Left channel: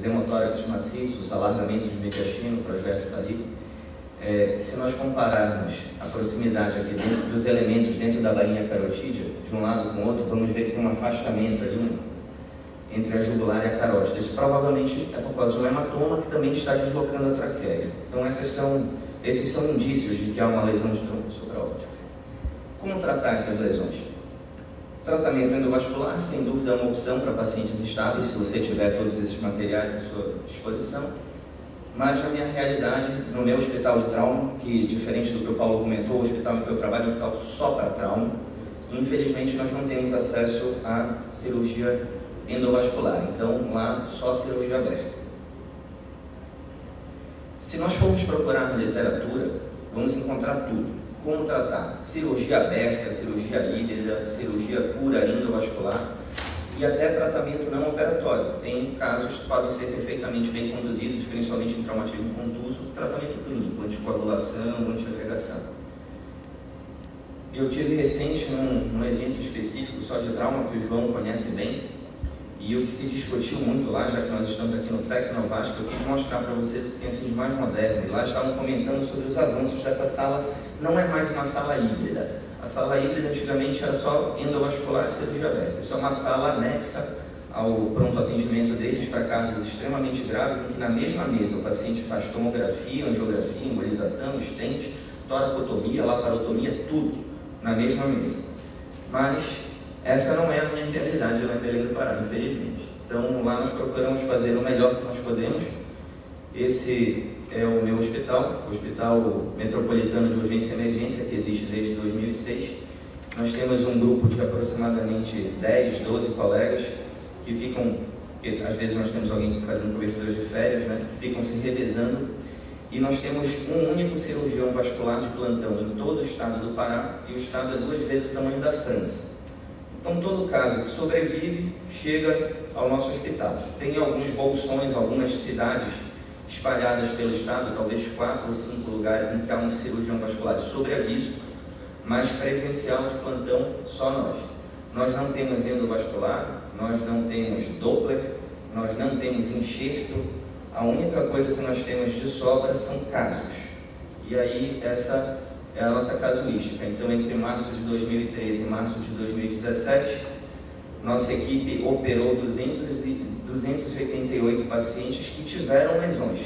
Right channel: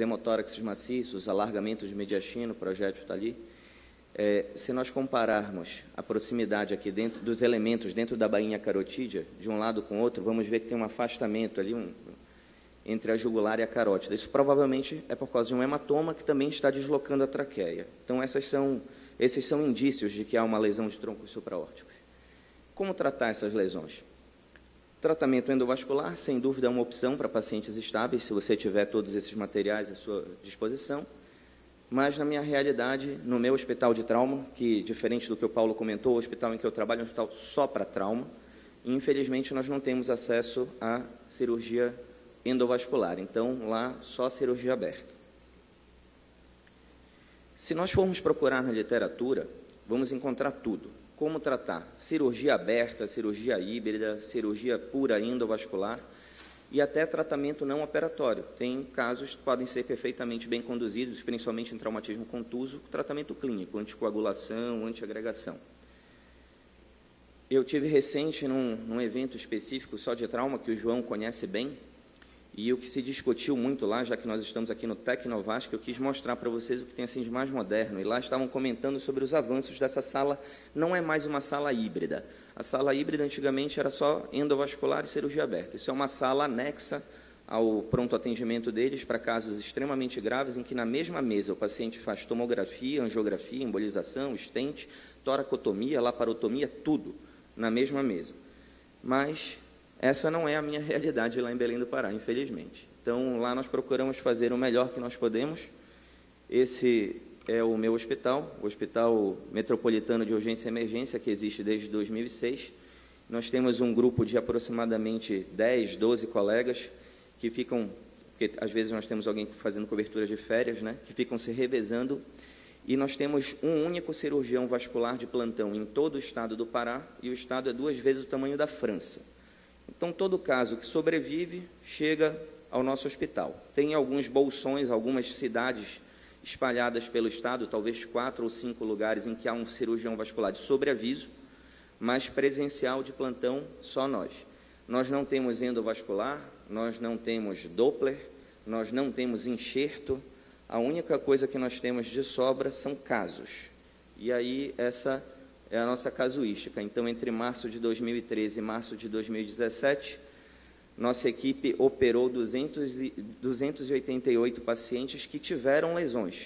hemotóraxes maciços, alargamento de mediastino, projeto está ali. Se nós compararmos a proximidade aqui dentro dos elementos dentro da bainha carotídea, de um lado com o outro, vamos ver que tem um afastamento ali entre a jugular e a carótida. Isso provavelmente é por causa de um hematoma que também está deslocando a traqueia. Então esses são indícios de que há uma lesão de tronco supraóptico. Como tratar essas lesões? Tratamento endovascular, sem dúvida, é uma opção para pacientes estáveis, se você tiver todos esses materiais à sua disposição. Mas, na minha realidade, no meu hospital de trauma, que, diferente do que o Paulo comentou, o hospital em que eu trabalho é um hospital só para trauma, infelizmente nós não temos acesso à cirurgia endovascular. Então, lá, só cirurgia aberta. Se nós formos procurar na literatura, vamos encontrar tudo. Como tratar cirurgia aberta, cirurgia híbrida, cirurgia pura endovascular e até tratamento não operatório. Tem casos que podem ser perfeitamente bem conduzidos, principalmente em traumatismo contuso, tratamento clínico, anticoagulação, antiagregação. Eu tive recente num evento específico só de trauma, que o João conhece bem, e o que se discutiu muito lá, já que nós estamos aqui no Tecnovasco, eu quis mostrar para vocês o que tem sido de mais moderno. E lá estavam comentando sobre os avanços dessa sala. Não é mais uma sala híbrida. A sala híbrida antigamente era só endovascular e cirurgia aberta. Isso é uma sala anexa ao pronto atendimento deles para casos extremamente graves, em que na mesma mesa o paciente faz tomografia, angiografia, embolização, stent, toracotomia, laparotomia, tudo na mesma mesa. Mas essa não é a minha realidade lá em Belém do Pará, infelizmente. Então, lá nós procuramos fazer o melhor que nós podemos. Esse é o meu hospital, o Hospital Metropolitano de Urgência e Emergência, que existe desde 2006. Nós temos um grupo de aproximadamente 10, 12 colegas que ficam, porque às vezes nós temos alguém fazendo cobertura de férias, né, que ficam se revezando. E nós temos um único cirurgião vascular de plantão em todo o estado do Pará, e o estado é 2 vezes o tamanho da França. Então, todo caso que sobrevive chega ao nosso hospital. Tem alguns bolsões, algumas cidades espalhadas pelo estado, talvez 4 ou 5 lugares em que há um cirurgião vascular sobre aviso, mas presencial de plantão só nós. Nós não temos endovascular, nós não temos Doppler, nós não temos enxerto. A única coisa que nós temos de sobra são casos. E aí, essa é a nossa casuística. Então, entre março de 2013 e março de 2017, nossa equipe operou 288 pacientes que tiveram lesões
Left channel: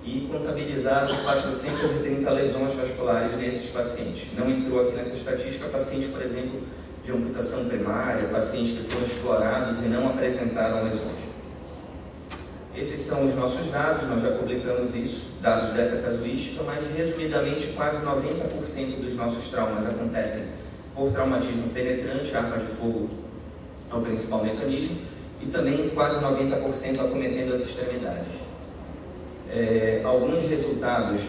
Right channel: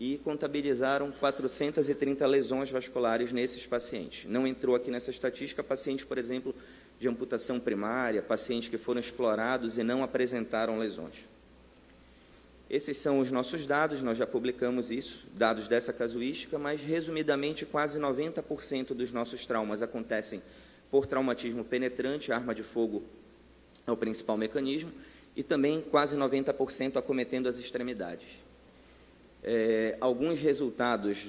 e contabilizaram 430 lesões vasculares nesses pacientes. Não entrou aqui nessa estatística pacientes, por exemplo, de amputação primária, pacientes que foram explorados e não apresentaram lesões. Esses são os nossos dados, nós já publicamos isso, dados dessa casuística, mas resumidamente quase 90% dos nossos traumas acontecem por traumatismo penetrante, arma de fogo é o principal mecanismo, e também quase 90% acometendo as extremidades. Alguns resultados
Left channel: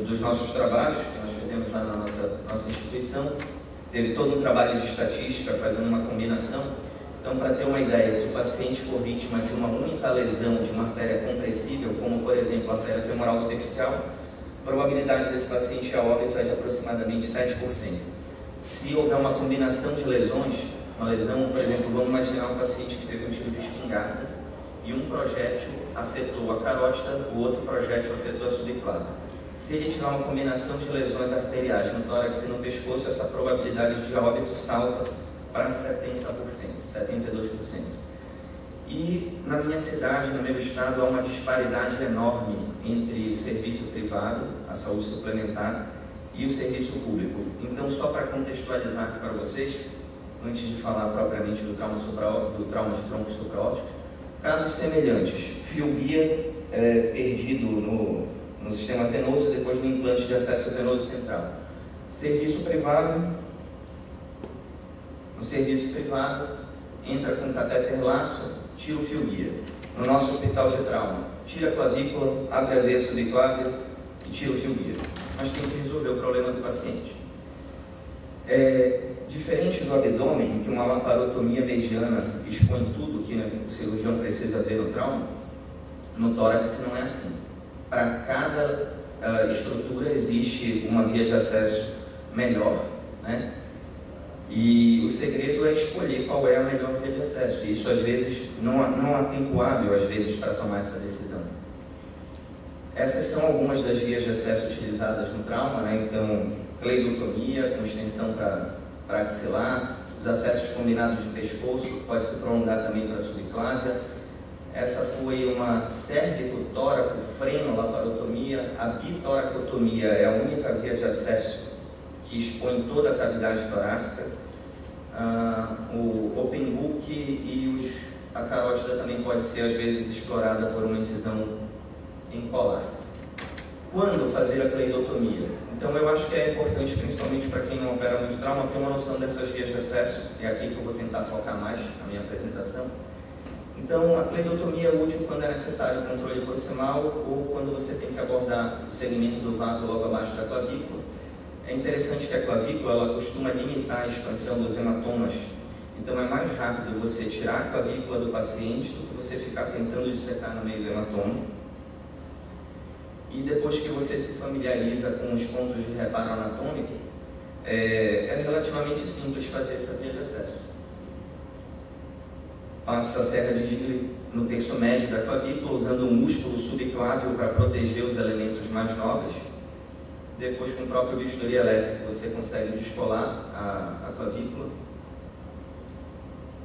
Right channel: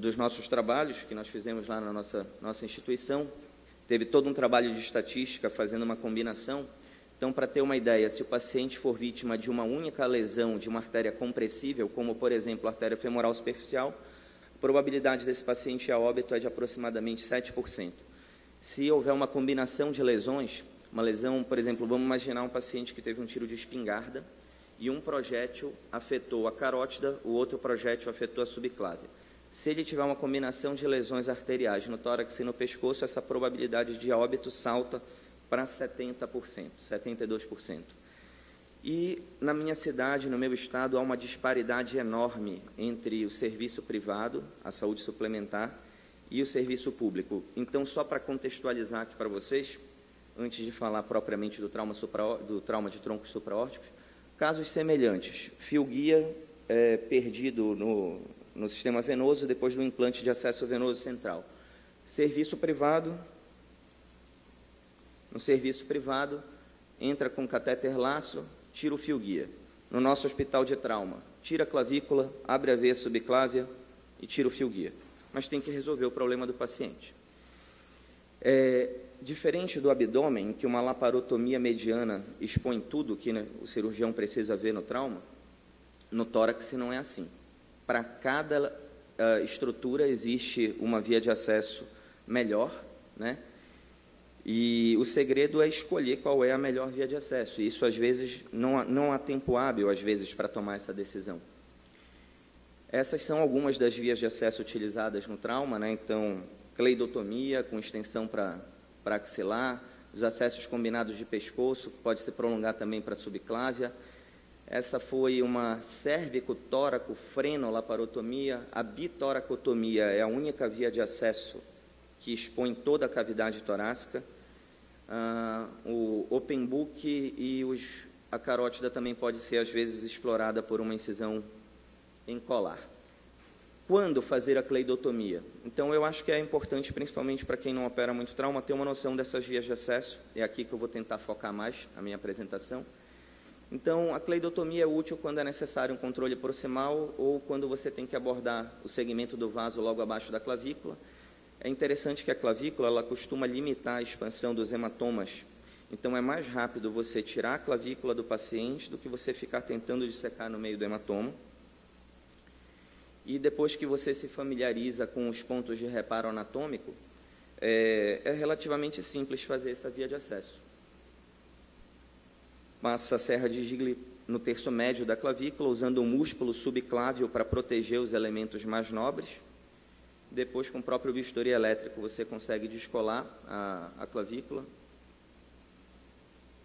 dos nossos trabalhos, que nós fizemos lá na nossa instituição, teve todo um trabalho de estatística fazendo uma combinação. Então, para ter uma ideia, se o paciente for vítima de uma única lesão de uma artéria compressível, como por exemplo a artéria femoral superficial, a probabilidade desse paciente a óbito é de aproximadamente 7%. Se houver uma combinação de lesões, uma lesão, por exemplo, vamos imaginar um paciente que teve um tiro de espingarda e um projétil afetou a carótida, o outro projétil afetou a subclávia. Se ele tiver uma combinação de lesões arteriais no tórax e no pescoço, essa probabilidade de óbito salta para 70%, 72%. E na minha cidade, no meu estado, há uma disparidade enorme entre o serviço privado, a saúde suplementar, e o serviço público. Então, só para contextualizar aqui para vocês, antes de falar propriamente do trauma de tronco supraóptico, casos semelhantes, fio guia perdido no sistema venoso depois do implante de acesso venoso central. Serviço privado, no serviço privado, entra com catéter laço, tira o fio guia. No nosso hospital de trauma, tira a clavícula, abre a veia subclávia e tira o fio guia. Mas tem que resolver o problema do paciente. Diferente do abdômen, que uma laparotomia mediana expõe tudo que o cirurgião precisa ver no trauma, no tórax não é assim. Para cada estrutura existe uma via de acesso melhor, né? E o segredo é escolher qual é a melhor via de acesso. Isso, às vezes, não há tempo hábil, às vezes, para tomar essa decisão. Essas são algumas das vias de acesso utilizadas no trauma, né? Então, cleidotomia, com extensão para axilar, os acessos combinados de pescoço, que pode se prolongar também para a subclávia. Essa foi uma cérvico-tóraco-frenolaparotomia. A bitoracotomia é a única via de acesso que expõe toda a cavidade torácica. O open book e a carótida também pode ser, às vezes, explorada por uma incisão em colar. Quando fazer a cleidotomia? Então, eu acho que é importante, principalmente para quem não opera muito trauma, ter uma noção dessas vias de acesso. É aqui que eu vou tentar focar mais na minha apresentação. Então, a cleidotomia é útil quando é necessário o controle proximal ou quando você tem que abordar o segmento do vaso logo abaixo da clavícula. É interessante que a clavícula ela costuma limitar a expansão dos hematomas. Então, é mais rápido você tirar a clavícula do paciente do que você ficar tentando dissecar no meio do hematoma. E depois que você se familiariza com os pontos de reparo anatômico, é relativamente simples fazer essa via de acesso. Passa a serra de Digley no terço médio da clavícula, usando o músculo subclávio para proteger os elementos mais nobres. Depois, com o próprio bisturi elétrico, você consegue descolar a clavícula.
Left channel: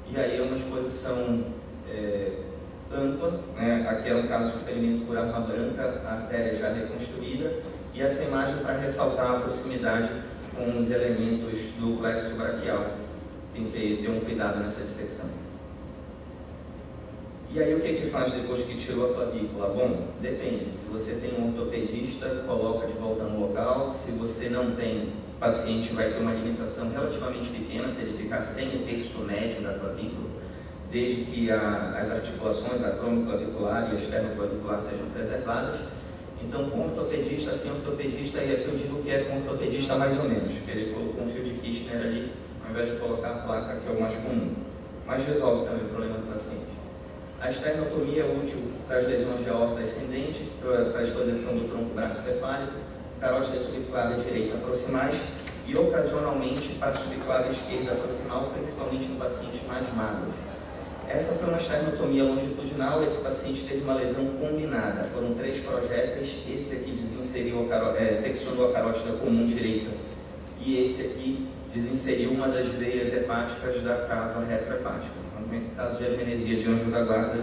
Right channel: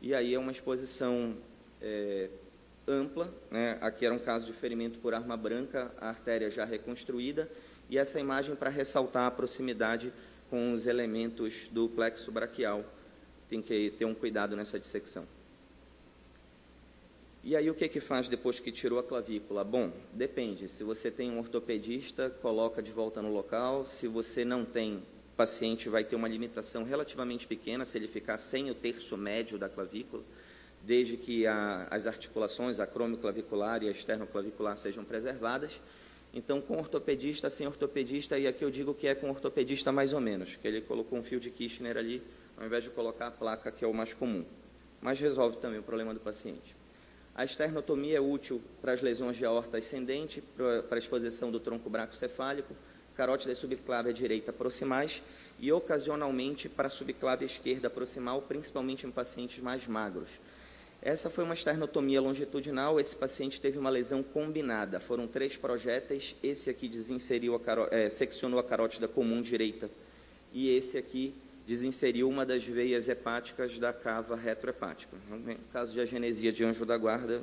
E aí é uma exposição ampla, né? Aqui é no caso de ferimento por arma branca, a artéria já reconstruída, e essa imagem para ressaltar a proximidade com os elementos do plexo braquial. Tem que ter um cuidado nessa dissecção. E aí o que faz depois que tirou a clavícula? Bom, depende. Se você tem um ortopedista, coloca de volta no local. Se você não tem, o paciente vai ter uma limitação relativamente pequena se ele ficar sem o terço médio da clavícula, desde que as articulações, a cromoclavicular e a esternoclavicular sejam preservadas. Então, com ortopedista, sem ortopedista, e aqui eu digo que é com ortopedista mais ou menos, que ele colocou um fio de Kirchner ali, ao invés de colocar a placa, que é o mais comum. Mas resolve também o problema do paciente. A esternotomia é útil para as lesões de aorta ascendente, para a exposição do tronco brachicefálico, carótida subclávia direita proximais e, ocasionalmente, para a subclávia esquerda proximal, principalmente em pacientes mais magros. Essa foi uma esternotomia longitudinal. Esse paciente teve uma lesão combinada. Foram 3 projéteis. Esse aqui desinseriu seccionou a carótida comum direita e esse aqui desinseriu uma das veias hepáticas da cava retrohepática. No caso de agenesia de anjo da guarda,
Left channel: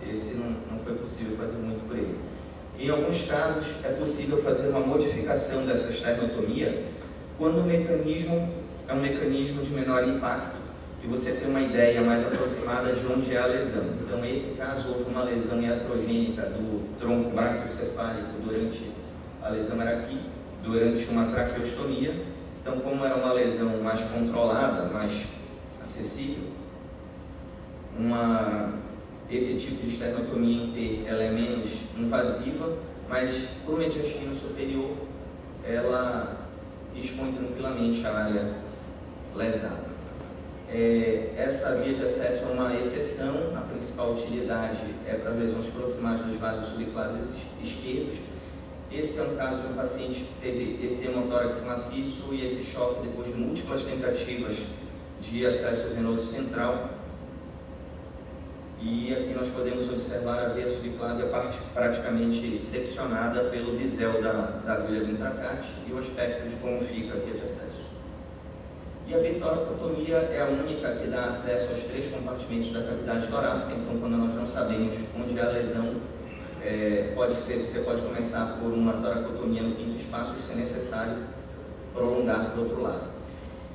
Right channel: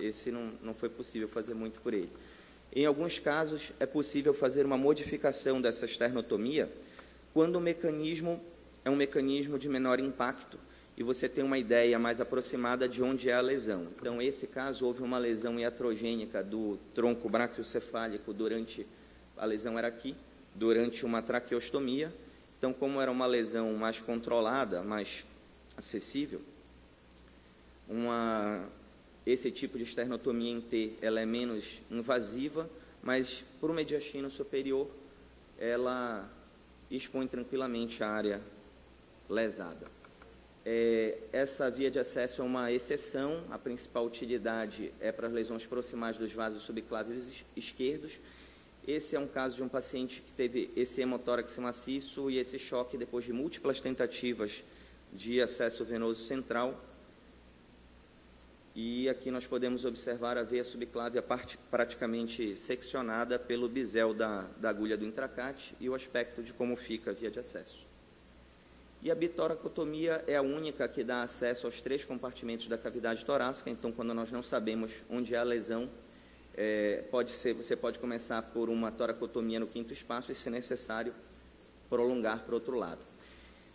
esse não foi possível fazer muito por ele. Em alguns casos, é possível fazer uma modificação dessa esternotomia quando o mecanismo é um mecanismo de menor impacto e você tem uma ideia mais aproximada de onde é a lesão. Então, nesse caso, houve uma lesão iatrogênica do tronco braquiocefálico durante a lesão era aqui, durante uma traqueostomia. Então, como era uma lesão mais controlada, mais acessível, esse tipo de esternotomia em T ela é menos invasiva, mas por uma mediastino superior ela expõe tranquilamente a área lesada. Essa via de acesso é uma exceção. A principal utilidade é para lesões proximais dos vasos subclávios esquerdos. Esse é um caso de um paciente que teve esse hemotórax maciço e esse choque depois de múltiplas tentativas de acesso venoso central. E aqui nós podemos observar a veia subclávia praticamente seccionada pelo bisel da agulha do intracate e o aspecto de como fica a via de acesso. E a bitoracotomia é a única que dá acesso aos 3 compartimentos da cavidade torácica. Então, quando nós não sabemos onde é a lesão, você pode começar por uma toracotomia no 5º espaço e, se necessário, prolongar para o outro lado.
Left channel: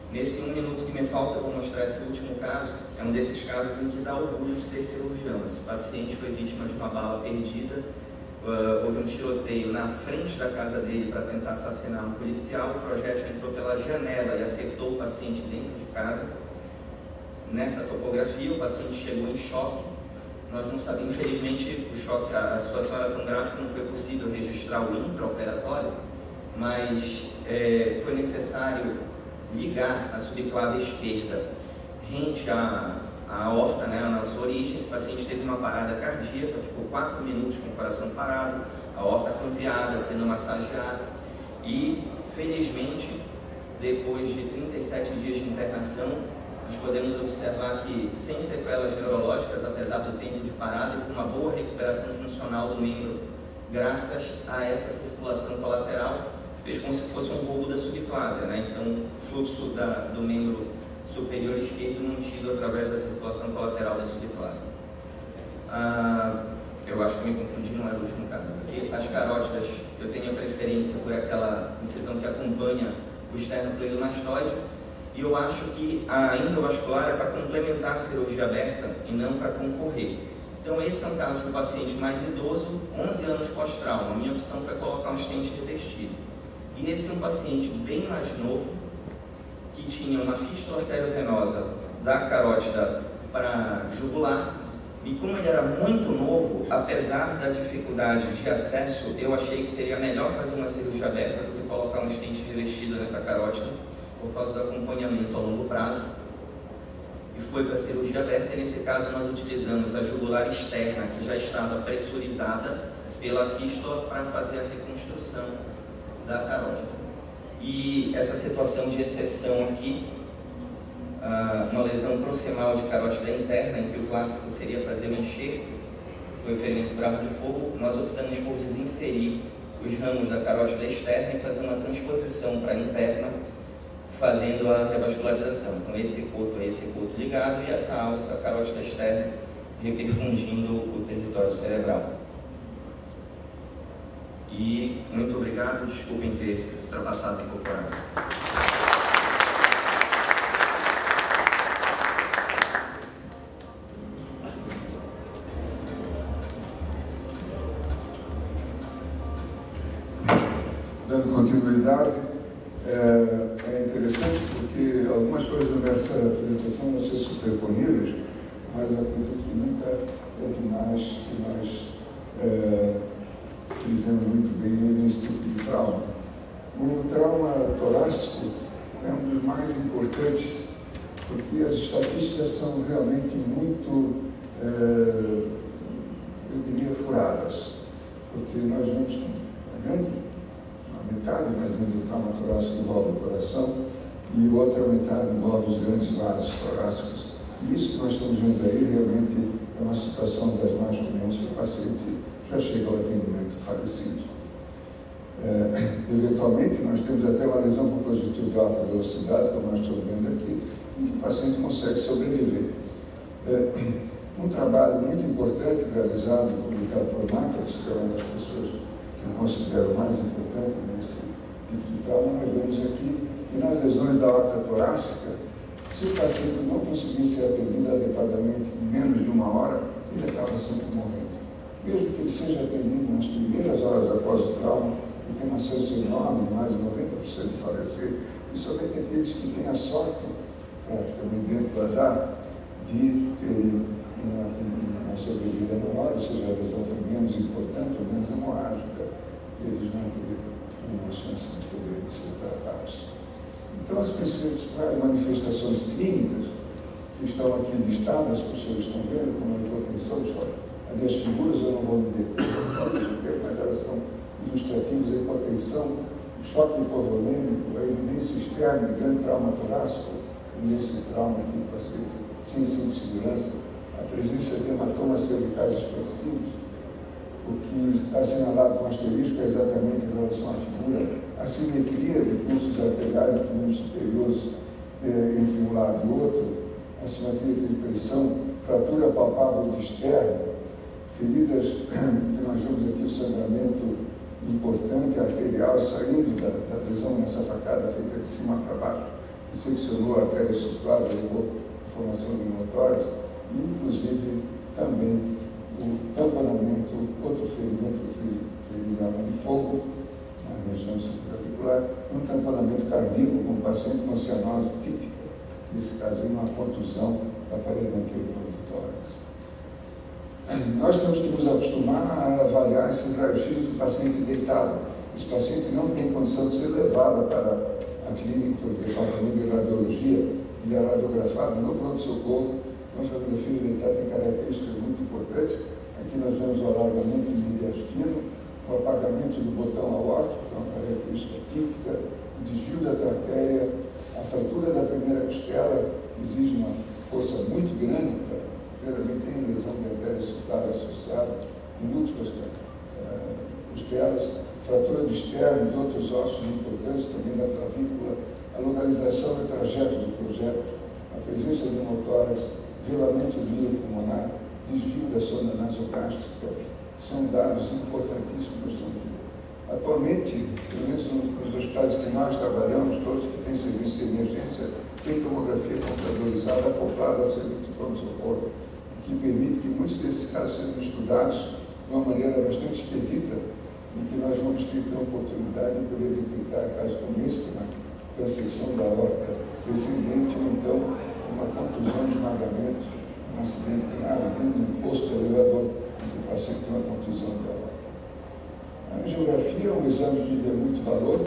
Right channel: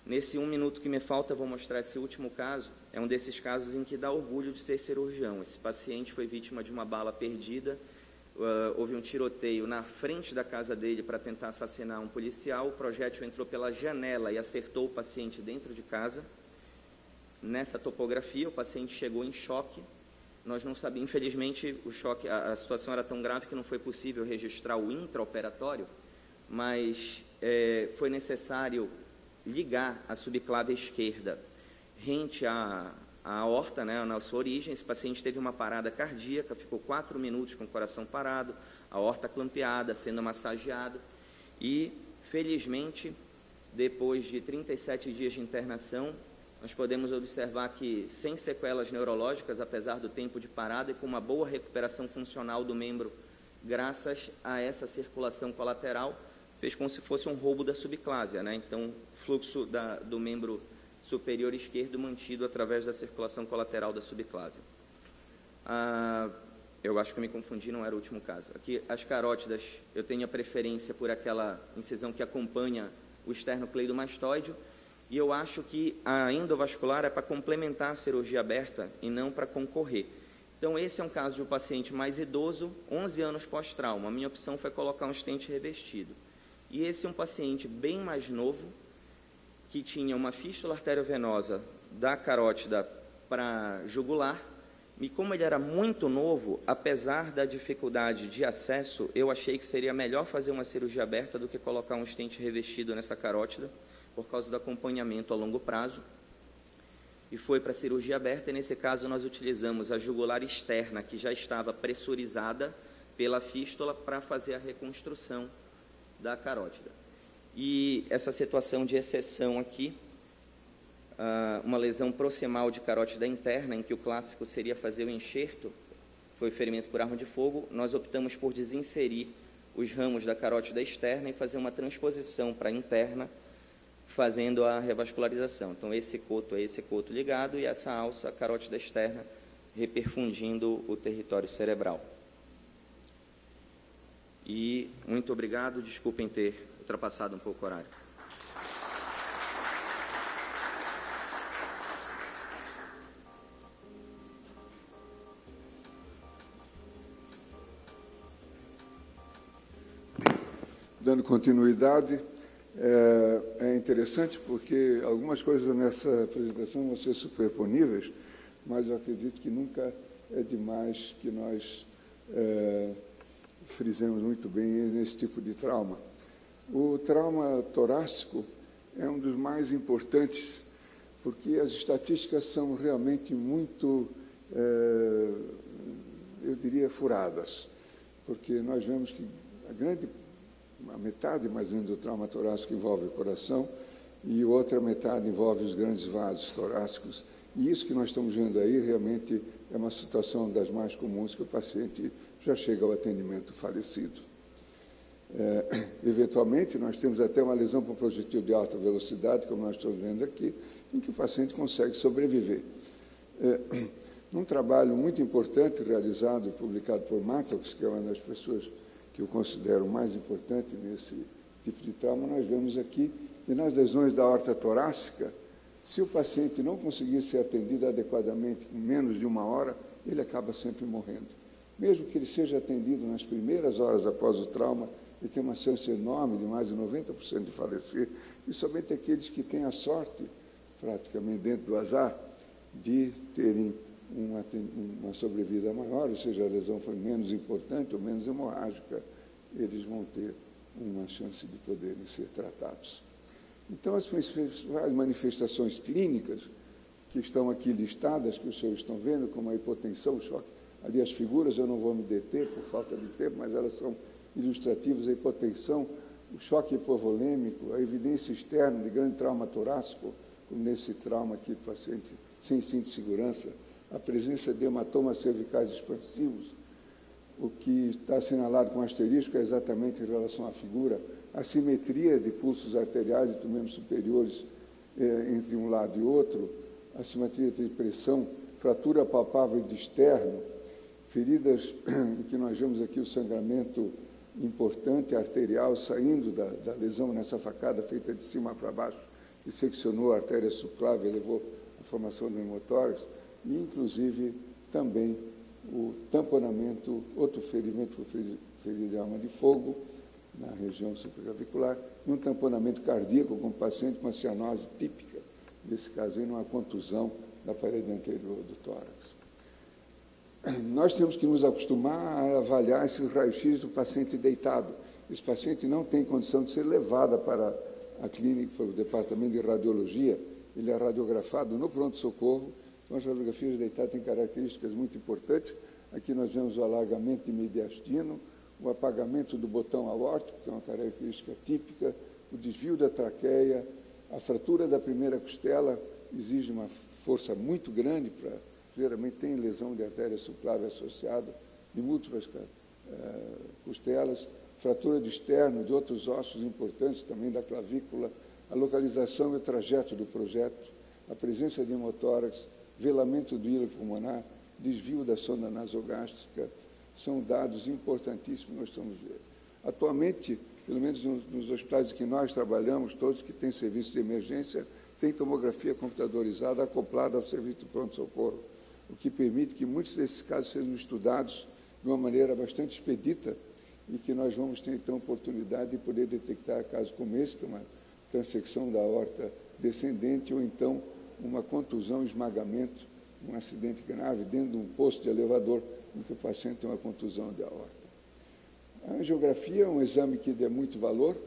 Nesse 1 minuto que me falta, eu vou mostrar esse último caso. É um desses casos em que dá orgulho de ser cirurgião. Esse paciente foi vítima de uma bala perdida. Houve um tiroteio na frente da casa dele para tentar assassinar um policial. O projétil entrou pela janela e acertou o paciente dentro de casa. Nessa topografia, o paciente chegou em choque. Nós não sabemos, infelizmente, o choque, a situação era tão grave que não foi possível registrar o intraoperatório, mas foi necessário ligar a subclávia esquerda rente à aorta, né, a nossa origem. Esse paciente teve uma parada cardíaca, ficou 4 minutos com o coração parado, a aorta clampeada, sendo massageada, e felizmente depois de 37 dias de internação, nós podemos observar que, sem sequelas neurológicas, apesar do tempo de parada, e com uma boa recuperação funcional do membro, graças a essa circulação colateral, fez como se fosse um roubo da subclávia, né? Então, o fluxo do membro superior esquerdo mantido através da circulação colateral da subclávia. Eu acho que me confundi, não era o último caso. Aqui, as carótidas, eu tenho a preferência por aquela incisão que acompanha o esternocleidomastoide, e eu acho que a endovascular é para complementar a cirurgia aberta e não para concorrer. Então, esse é um caso de um paciente mais idoso, 11 anos pós-trauma. A minha opção foi colocar um stent revestido. E esse é um paciente bem mais novo, que tinha uma fístula arteriovenosa da carótida para jugular, e como ele era muito novo, apesar da dificuldade de acesso, eu achei que seria melhor fazer uma cirurgia aberta do que colocar um stent revestido nessa carótida, por causa do acompanhamento a longo prazo, e foi para a cirurgia aberta. E nesse caso nós utilizamos a jugular externa, que já estava pressurizada pela fístula, para fazer a reconstrução da carótida. E essa situação de exceção aqui, uma lesão proximal de carótida interna, em que o clássico seria fazer um enxerto, foi ferimento por arma de fogo, nós optamos por desinserir os ramos da carótida externa e fazer uma transposição para a interna, fazendo a revascularização. Então, esse coto ligado, e essa alça, a carótida externa, reperfundindo o território cerebral. E muito obrigado, desculpem ter ultrapassado um pouco a... Dando continuidade, é interessante porque algumas coisas nessa apresentação vão ser superponíveis, mas eu acredito que nunca é demais que nós frisemos muito bem nesse tipo de trauma. O trauma torácico é um dos mais importantes, porque as estatísticas são realmente muito, eu diria, furadas, porque nós vemos metade mais ou menos do trauma torácico envolve o coração e a outra metade envolve os grandes vasos torácicos. E isso que nós estamos vendo aí realmente é uma situação das mais comuns, que o paciente já chega ao atendimento falecido. Eventualmente, nós temos até uma lesão com conjuntivo de alta velocidade, como nós estamos vendo aqui, em que o paciente consegue sobreviver. Um trabalho muito importante realizado e publicado por Matheus, que é uma das pessoas que eu considero mais importante nesse tipo de trauma, nós vemos aqui que nas lesões da aorta torácica, se o paciente não conseguir ser atendido adequadamente em menos de 1 hora, ele acaba sempre morrendo. Mesmo que ele seja atendido nas primeiras horas após o trauma, ele tem uma chance enorme de mais de 90% de falecer, e somente aqueles que têm a sorte, praticamente dentro do azar, de terem uma sobrevida menor, ou seja, a lesão foi menos importante ou menos hemorrágica, eles vão ter uma chance de poder ser tratados. Então, as principais manifestações clínicas que estão aqui listadas, que vocês estão vendo, como a hipotensão, ali as figuras eu não vou me deter por falta de tempo, mas elas são ilustrativas: a hipotensão, choque hipovolêmico, a evidência externa, grande trauma torácico, nesse trauma aqui, paciente sem cinto de segurança, a presença de hematomas cervicais expansivos. O que está assinalado com asterisco é exatamente em relação à figura, a simetria de pulsos arteriais e pulmões superiores entre um lado e outro, a simetria de pressão, fratura palpável de externo, feridas que nós vemos aqui, o sangramento importante arterial saindo da lesão nessa facada feita de cima para baixo, que seccionou a artéria subclávia, levou a formação de motórios, e inclusive também o tamponamento, outro ferimento de arma de fogo, na região supraarticular, e um tamponamento cardíaco com um paciente com cianose típica, nesse caso é uma contusão da parede anterior do tórax. Nós temos que nos acostumar a avaliar esse raio-x do paciente deitado. Esse paciente não tem condição de ser levado para a clínica, o departamento de radiologia, ele é radiografado no pronto-socorro. A radiografia dentária tem características muito importantes. Aqui nós vemos o alargamento mediastino, o apagamento do botão aórtico, uma característica típica, o desvio da traqueia, nervador externo e de outros ossos importantes também da clavícula, a localização do trajeto do projeto, a presença de motórios, velamento do lírio pulmonar, desvio da sonda nasogástrica, são dados importantíssimos. Atualmente, pelo menos nos hospitais que nós trabalhamos, todos que têm serviço de emergência, tem tomografia computadorizada acoplada ao serviço de pronto-socorro, o que permite que muitos desses casos sejam estudados de uma maneira bastante expedita e que nós vamos ter então a oportunidade de poder detectar casos como esse, na transecção da aorta descendente, ou então uma contusão de esmagamento, um acidente grave dentro de um posto de elevador, onde o paciente tem uma contusão da aorta. A angiografia é um exame de muito valor.